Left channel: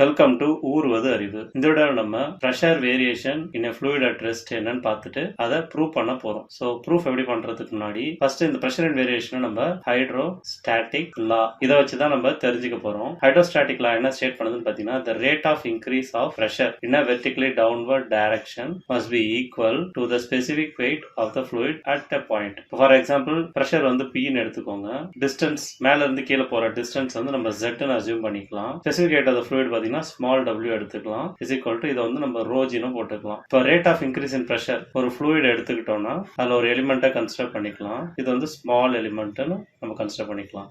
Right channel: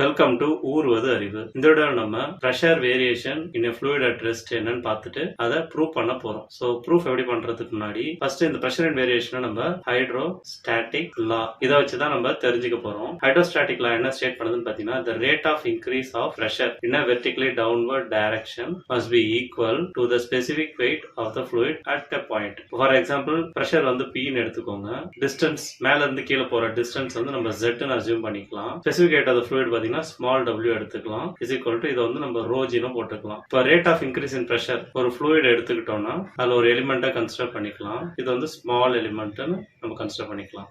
Welcome to ஊர்வது அறிவு. இந்த விட நம்ம pressure variation in fluid at rest என்னன்னு பார்த்துட்டு அதை ப்ரூவ் பண்ண போறோம். ஸோ ப்ரூஃப் எப்படி பண்றதுக்கு முன்னாடி ஃபர்ஸ்ட் இந்த ப்ரெஷர் அண்ட் வேரியேஷனை நம்ம ஹைட்ரோஸ்டாட்டிக் லா இதை வச்சுதான் நம்ம தெரிஞ்சுக்க போறோம். ஹைட்ரோஸ்டாட்டிக் லா என்ன ஸ்டேட் பண்ணுதுன்னு பார்த்தீங்கன்னா, the rate of increase of pressure in a vertically downward direction must be equal to the specific weight of the fluid at a point. For example pressure வந்து Pன்னு எடுத்துக்கோங்க. டிஸ்டன்ஸ் மேல இருந்து கீழே போற டிஸ்டன்ஸ் வந்து நம்ம Zன்னு அசியூம் பண்ணிக்கலாம். Specific weight of the fluid பார்த்தீங்கன்னா ஸ்மால் w எடுத்துக்கலாம். இஸ் ஈக்குவல் டு இதை வந்து நம்ம ரோஜினும் போட்டுக்கலாம். இப்போ rate of increase in pressure ஒரு ஃப்ளூயிட் எடுத்துக்கிட்டோம்னா அதில் ஒரு எலிமெண்ட்டை கன்சிடர் பண்ணிக்கலாம். இது வந்து ஸ்மால் எலிமெண்ட்னு நம்ம கன்சிடர் பண்ணிக்கலாம்.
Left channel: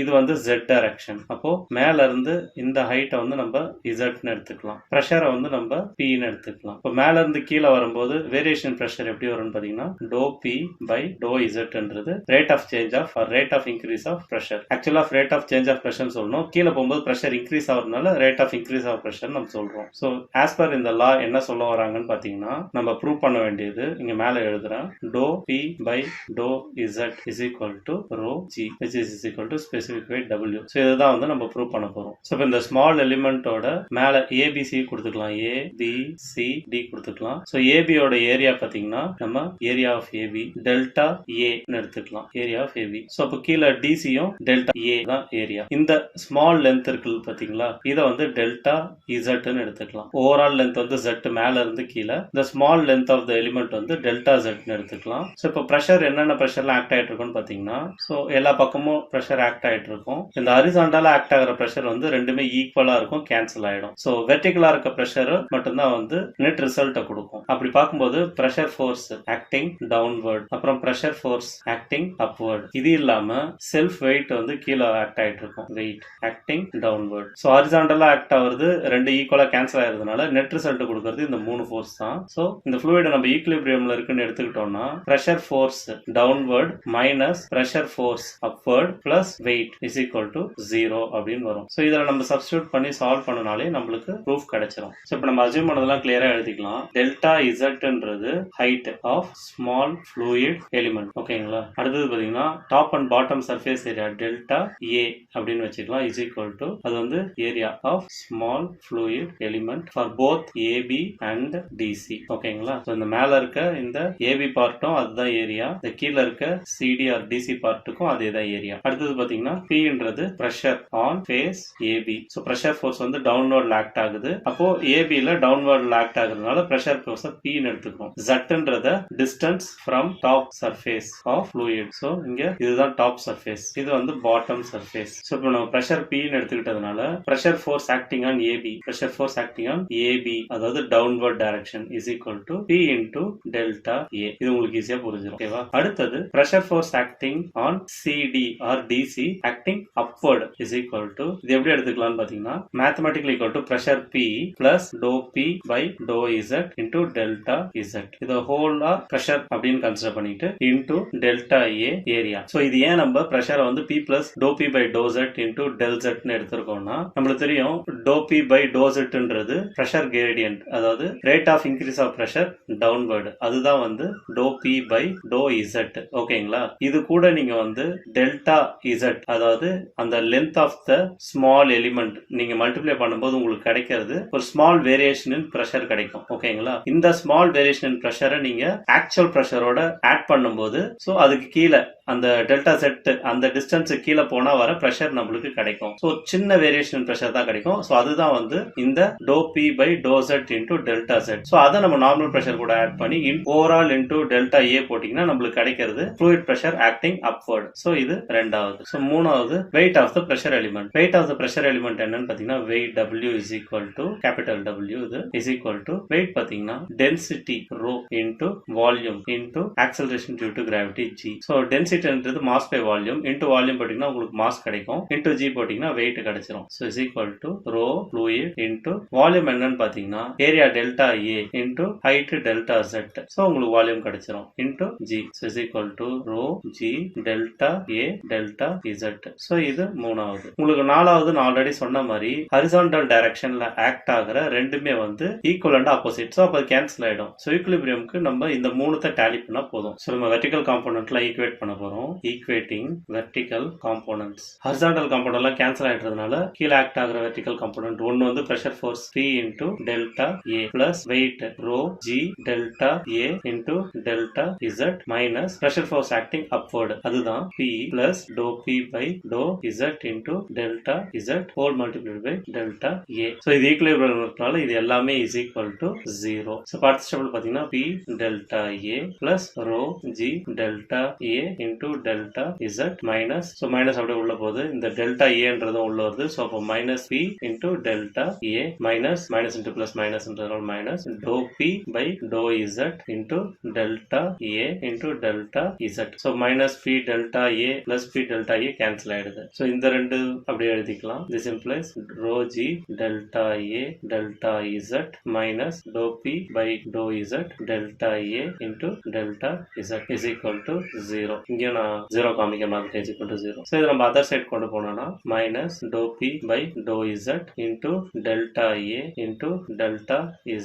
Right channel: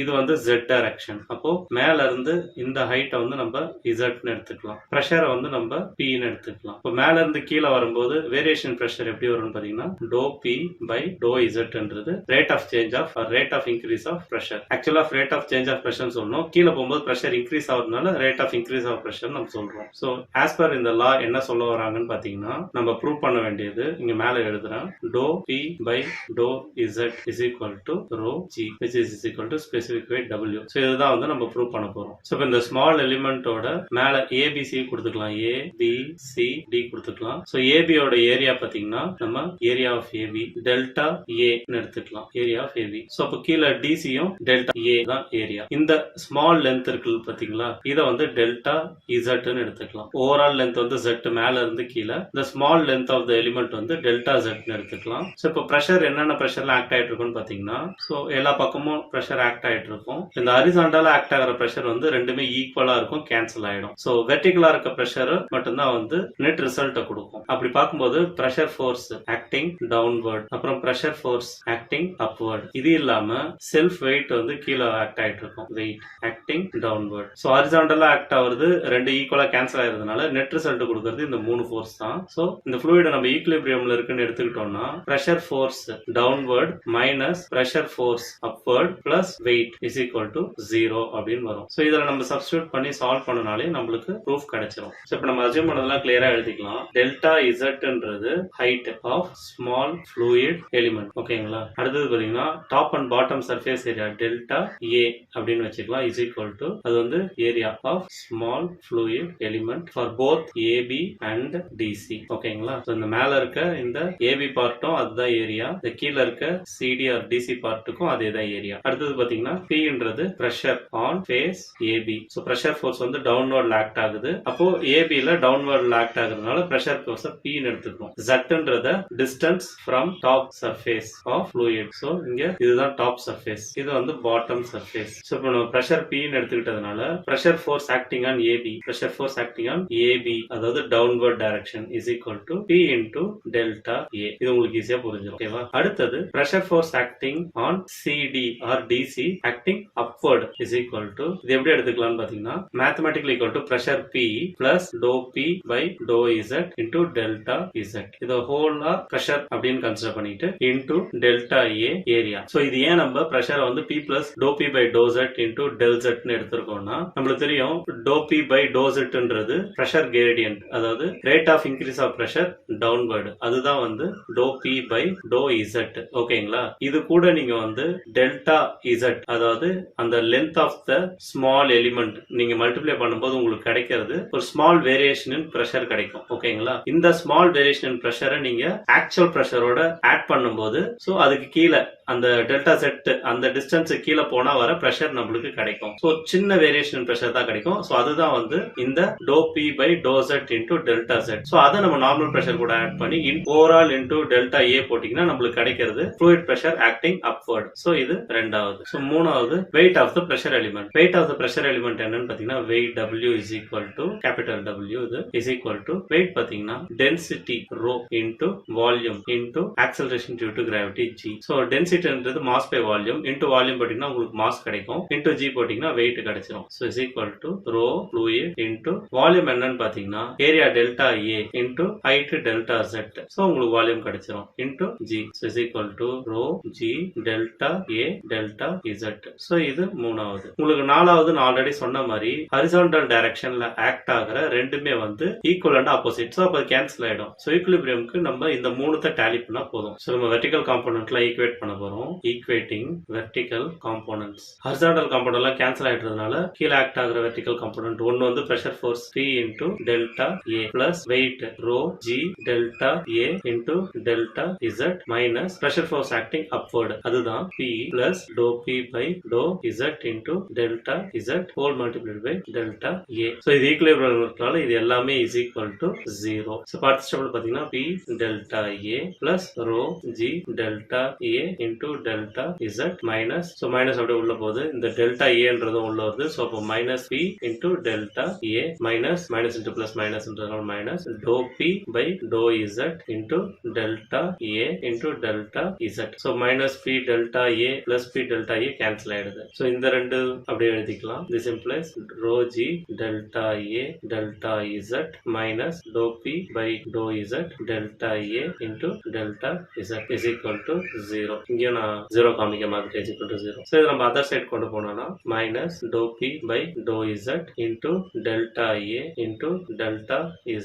இது வந்து Z டைரக்ஷன். அப்போ மேல இருந்து இந்த ஹைட்டை வந்து நம்ம இசட்னு எடுத்துக்கலாம். ப்ரெஷரை வந்து நம்ம Pன்னு எடுத்துக்கலாம். இப்போ மேல இருந்து கீழே வரும்போது வேரியேஷன் ப்ரெஷர் எப்படி வரும்னு பார்த்தீங்கன்னா டோ P பை டோ இசட்ன்றது rate of change of rate of increase of pressure. ஆக்சுவலா rate of change of pressure சொல்லணும். கீழே போகும்போது ப்ரெஷர் இன்க்ரீஸ் ஆகுறதுனால rate of increase of pressure நம்ம சொல்றோம். ஸோ ஆஸ் பர் இந்த லா என்ன சொல்ல வராங்கன்னு பார்த்தீங்கன்னா, நம்ம ப்ரூவ் பண்ண வேண்டியது இங்க மேல எழுதுறேன். டோ P பை டோ Z is equal to rho G which is equal to specific weight W. So இதுதான் வந்து நம்ம ப்ரூவ் பண்ண போறோம். ஸோ இப்போ இந்த ஸ்மால் எலிமெண்டோட மேல ABC கொடுத்துக்கலாம். A B C D கொடுத்துக்கலாம். ஸோ ABயோட ஏரியா பார்த்தீங்கன்னா நம்ம ஏரியா ஆஃப் AB டெல்டா ஏன்னு எடுத்துக்கலாம். Area of AB. ஸோ அப்போ கீழே டிசியும் டெல்டா ஏ தான் ஏரியா. இந்த ஸ்மால் லென்த் இருக்கு பார்த்தீங்களா, இதை வந்து டெல்டா இசட்னு எடுத்துக்கலாம். ஓவரால் லென்த் வந்து Z மேல இருந்து கீழே, இந்த small length of the element வந்து டெல்டா Zன்னு எடுத்துக்கலாம். ஸோ இப்போ ப்ரெஷர் என்னென்ன ப்ரெஷர்ல ஆக்ட் ஆயிட்டு இருக்குன்னு பார்த்தீங்கன்னா, ஸோ எல்லா பக்கமும் ப்ரெஷர் ஆக்ட் ஆயிட்டு இருக்கும். இந்த ஹரிசாண்டலா ஆக்ட் ஆகிற ப்ரெஷர் வந்து ரெண்டுமே ஈக்குவலா இருக்கும், கேன்சல் ஆயிடும். ஸோ வெர்டிகலா இருக்க ப்ரெஷர் மட்டும்தான் வந்து நெட் ரிசல்ட்டை கொடுக்கும். அப்படி பார்க்கும்போது ப்ரெஷர் ஃபோர்ஸ் ஆக்டிங் டவுன்வர்ட், அப்புறம் ப்ரெஷர் ஃபோர்ஸ் ஆக்டிங் அப்வர்ட். இது இல்லாம செல்ஃப் வெயிட் வந்து கீழே ஆக்ட் ஆயிட்டு இருக்கும், வெயிட் ஆக்டிங் டவுன்வர்ட். ஸோ ஹரிசாண்டலா ஆக்ட் ஆகுறது ரெண்டு ஈக்குவலா கேன்சல் ஆகிறதுனால நெட் ரிசல்ட் கொடுக்கறது இந்த மூணு ஃபோர்ஸ் தான். ஸோ இந்த ஃப்ளூயிட் நம்ம ஈக்குலிபிரியம்ல இருக்குன்னு எடுத்துக்கிட்டோம்னா pressure force downward minus pressure force upward plus weight is equal to 0 அப்படின்னு வரும். ஸோ இதில் நம்ம சப்ஸ்டியூட் பண்ணி சால்வ் பண்ணனாலே நம்மளுக்கு ப்ரூஃப் கிடைச்சிரும். ஸோ இப்போ நம்ம அசியூம் பண்ணதெல்லாம் கிளியரா எழுதிக்கலாம். டெல்டா இசட்ன்றது height of small fluid element. ஓகேங்களா. அடுத்தது பார்த்தீங்கன்னா top and bottom surface area delta A அப்படின்னு வச்சுக்கலாம். இஸ் ஈக்குவல் டு அது வந்து area of small fluid element for both AB and DC. ஓகேங்களா. ஸோ இந்த மேல இருக்க இந்த ஏபி பார்ட்டும் அதுதான் ஏரியா, இந்த கீழே இருக்க சிடி ஆர் டிசி பார்ட்டுக்கும் அதே தான் ஏரியா. அடுத்தது பாத்தீங்கன்னா Pன்றது pressure on face AB. So pressure force வந்து டவுன்வர்ட் ஆக்ட் ஆகுது. அப்போ ஏபில டவுன்வர்ட் ஆக்ட் ஆகுறதுனால பிரஷர் ஃபோர்ஸ் Pன்னு எடுத்துக்கணும். Zன்றத distance from top surface of fluid. So இங்க இதுதான் டாப் சர்ஃபேஸ், இது வந்து பாட்டம் சர்ஃபேஸ். ஸோ இப்போ நம்ம பிரஷர் Pன்னு எடுத்துக்கிட்டதுனால pressure force acting on AB, pressure force acting on AB அதாவது downward direction is equal to P into delta A. இது உங்களுக்கு ஈஸியா புரிஞ்சிடும். ஓகேவா. அடுத்தது pressure force acting on CD or DC acting upward is equal to இது எப்படி எடுத்துக்கலாம்னு பாத்தீங்கன்னா mathematically equal to pressure P plus to P by டோ இசட் இன்டு டெல்டா இசட். இது ஹோலா பிரஷர் அப்படின்னு கன்சிடர் பண்ணிட்டு into delta A area. So இது ஏன் நம்ம பிரஷரை வந்து P plus to P by to Z into del Zன்னு எடுத்திருக்கோம்னா, நம்மளுக்கு தெரியும் டோ P பை டோ Zன்றது பிரஷர் கிரேடியன்ட், அதாவது rate of increase of pressure downward. அதுதான் வந்து டோ P பை டோ இசட். ஓகேங்களா. இது கூட நீங்க வந்து டெல்டா இசட் அதாவது அந்த length of the small element நீங்க மல்டிப்ளை பண்ணும்போது உங்களுக்கு கிடைக்கிறது ஒரு ஸ்மால் வேரியேஷன் இன் பிரஷர் கிடைக்கும். ஓகேங்களா. இந்த ஸ்மால் வேரியேஷன் இன் பிரஷரை நீங்க ஆக்சுவல் பிரஷரோட ஆட் பண்ணும்போது ஸோ அதுக்கு கீழே அந்த டெல்டா செட் அந்த டிஸ்டன்ஸ் கீழே போனா வர பிரஷர் நம்மளுக்கு கிடைக்கும். ஸோ சின்ன வேரியேஷன் பிரஷர் தான் கிடைக்கும். ஸோ அதுதான் வந்து இந்த to P by to Z into delta Z. So அதை நம்ம நார்மல் பிரஷர் கூட ஆட் பண்ணி ஓவரால் இன்டு டெல்டா ஏ போட்டீங்கன்னா நம்மளுக்கு கிடைக்கிறது fluid pressure acting upward. So இது ரெண்டாவது. ஸோ மூணாவது weight of the pressure element. weight of the pressure element என்னன்னு பார்த்தீங்கன்னா weight W is equal to capital W இது is equal to weight பார்த்தீங்கன்னா density rho into volume into acceleration due to gravity G. So densityன்றது mass by volume into volume போட்டீங்கன்னா உங்களுக்கு mass கிடைக்கும், into G போட்டீங்கன்னா weight கிடைச்சிரும். So is equal to rho fluid into volume என்னன்னு பார்த்தீங்கன்னா area delta A into height delta Z. So உங்களுக்கு volume கிடைச்சிரும் into G. So is equal to rho G delta A delta Z. So இது மூணாவது. உங்களுக்கு நாலாவது நான் ஆல்ரெடி சொன்ன மாதிரி ஹரிசாண்டல் டைரக்ஷன்ல ஆக்ட் ஆகிற ரெண்டுமே வந்து ஈக்குவல் அண்ட் ஆப்போசிட். ஸோ அப்போ கேன்சல் ஆயிடும். ஸோ ஈக்குலிபிரியம்க்கு நம்ம இந்த மூணுத்தை டேலி பண்ணா போதும். ஸோ நம்ம வெர்டிகல் காம்போனன்ட்ல ஈக்குவேட் பண்ண போறோம். Equating vertical components. ஹரிசாண்டல் காம்போனன்ட்லாம் கேன்சல் ஆயிடுறதுனால கீழே ஆக்ட் ஆகிற வெர்டிகல் காம்போனன்ட் ஒன்னு வந்து pressure force P into delta A plus weight rho G delta A into delta Z minus pressure force acting upward. அதுதான் P plus to P by to Z into delta Z whole multiplied by delta A. So இது ஈக்குலிபிரியம்னால இது எல்லாமே is equal to 0. So அடுத்த ஸ்டெப்ல பாத்தீங்கன்னா P delta A plus rho G delta A into delta Z minus so minus அப்படியே உள்ள போகுது. இந்த டெல்டா ஏன்றதும் உள்ள வருது. ஸோ அப்போ minus P into delta A minus minus into plus மைனஸ்ன்றதுனால minus to P by to Z into delta A into delta Z. So minus P delta A plus P delta A cancel ஆயிடுது. So இந்த ரெண்டு அப்படியே எழுதிக்கலாம். This implies rho G delta A delta Z minus to P by to Z delta A into delta Z is equal to 0. இங்கே நான் 0 காமிக்க மாட்டேன். Is equal to 0. So இது நம்ம அதர் சைட் கொண்டு போனோம்னா minus to P by to Z into delta A into delta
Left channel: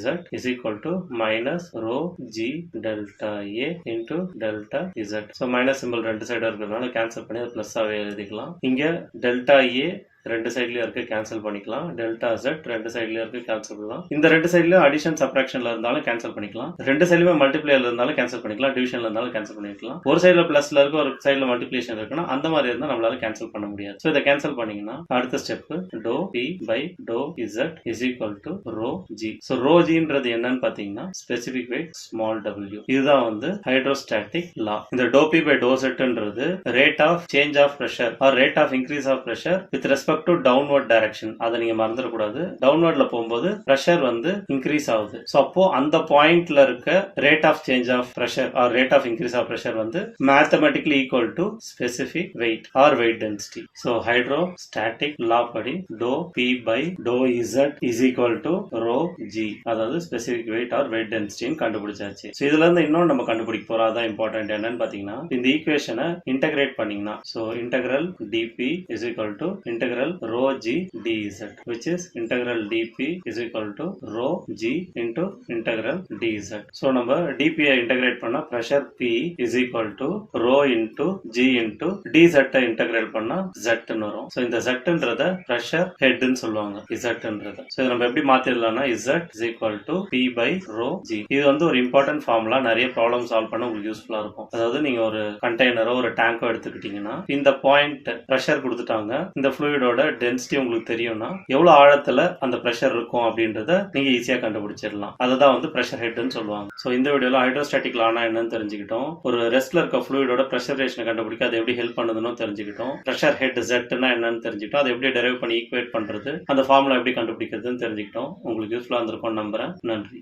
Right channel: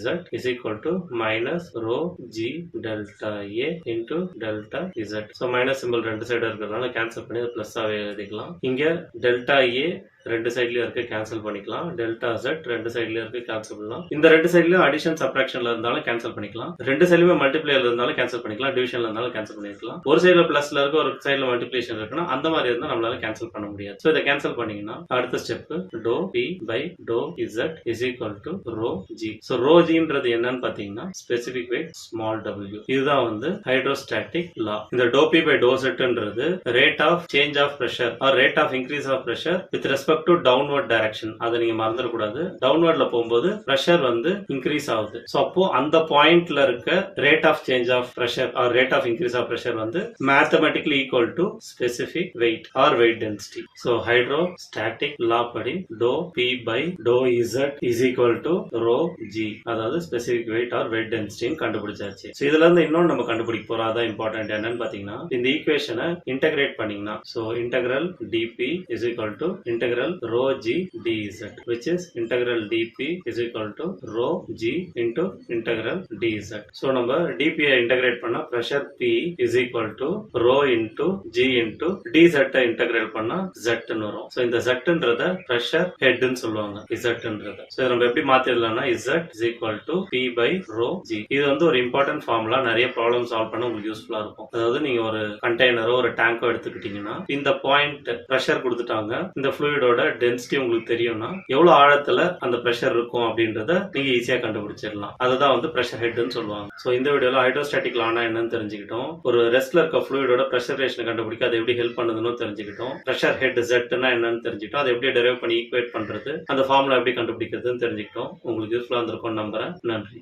Z is equal to minus rho G delta A into delta Z. So minus simple ரெண்டு side இருக்கிறதுனால cancel பண்ணி plus ஆவே எழுதிக்கலாம். இங்க delta A ரெண்டு சைட்லயும் இருக்கு, cancel பண்ணிக்கலாம். Delta Z ரெண்டு சைட்லயும் இருக்கு, கேன்சல் பண்ணலாம். இந்த ரெண்டு சைட்லயும் அடிஷன் சப்ட்ராக்ஷன்ல இருந்தாலும் கேன்சல் பண்ணிக்கலாம். ரெண்டு சைடுமே மல்டிப்ளைல இருந்தாலும் கேன்சல் பண்ணிக்கலாம். டிவிஷன்ல இருந்தாலும் கேன்சல் பண்ணிக்கலாம். ஒரு சைடுல பிளஸ்ல இருக்கு, ஒரு சைடுல மல்டிப்ளிகேஷன் இருக்குன்னா அந்த மாதிரி இருந்தா நம்மளால கேன்சல் பண்ண முடியாது. சோ இதை கேன்சல் பண்ணீங்கன்னா அடுத்த step doe P by to Z is equal to rho G. So rho Gன்றது என்னன்னு பாத்தீங்கன்னா ஸ்பெசிபிக் வெயிட் ஸ்மால் w. இதுதான் வந்து ஹைட்ரோஸ்டாட்டிக் லா. இந்த டோ P பை டோ Zன்றது rate of change of pressure or rate of increase of pressure with respect to downward direction. அதை நீங்க மறந்துடக்கூடாது. டவுன்வர்ட்ல போகும்போது பிரஷர் வந்து இன்க்ரீஸ் ஆகுது. சோ அப்போ அந்த பாயிண்ட்ல இருக்க rate of change of pressure or rate of increase of pressure வந்து mathematically equal to specific weight or weight density. So hydrostatic law படி doe P by to Z is equal to rho G, அதாவது specific weight or weight டென்சிட்டின்னு கண்டுபிடிச்சாச்சு. So இதுல இருந்து இன்னொன்னு நம்ம கண்டுபிடிக்க போறோம். அதான் இம்பார்ட்டன்ட். என்னன்னு பாத்தீங்கன்னா இந்த ஈக்குவேஷனை இன்டகிரேட் பண்ணீங்கன்னா so integral dP is equal to integral rho G dz, which is integral dP is equal to rho G into integral dz. So நம்ம dP integrate பண்ணா pressure P is equal to rho into G into dz integrate பண்ணா Z ன்னு வரும். So இந்த Z ன்றத pressure head ன்னு சொல்லுவாங்க. Z ன்றத. So இதை நம்ம எப்படி மாத்திடலாம்னா Z is equal to P by rho G. இது வந்து ஒரு இம்பார்ட்டன்ட் ஃபார்முலா. நிறைய ப்ராப்ளம் சால்வ் பண்ண உங்களுக்கு யூஸ்ஃபுல்லா இருக்கும். அதாவது நீங்க ஒரு கண்டெய்னரோ ஒரு டேங்கோ எடுத்துக்கிட்டீங்கன்னா இந்த பாயிண்ட் பிரஷர் கொடுத்துட்டாங்க. இந்த ஃப்ளூயிடோட டென்சிட்டி உங்களுக்கு தெரியும்னா எவ்வளவு ஆழத்துல அந்த பிரஷர் இருக்கும் அப்படின்றத நீங்க ஈஸியா கண்டுபிடிச்சிடலாம். அதுதான் வந்து பிரஷர் ஹெட்னு சொல்லுவாங்க. சோ இந்த வீடியோல ஹைட்ரோஸ்டாட்டிக் லானா என்னன்னு தெரிஞ்சுக்கிட்டோம். ஒரு ரெஸ்ட்ல இருக்க ஃப்ளூயிடோட பிரஷர் ரேஷனை கண்டுபிடிக்க அது எப்படி ஹெல்ப் பண்ணுதுன்னு தெரிஞ்சுக்கிட்டோம். பிரஷர் ஹெட் Z என்னன்னு தெரிஞ்சுக்கிட்டோம். அதை எப்படி டெரைவ் பண்ணி ஈக்குவேட் பண்றது, அந்த ஃபார்முலா எப்படி கண்டுபிடிக்கிறதுன்னு தெரிஞ்சுக்கிட்டோம். உங்களுக்கு யூஸ்ஃபுல்லா இருந்திருக்கும்னு நம்புறேன். நன்றி.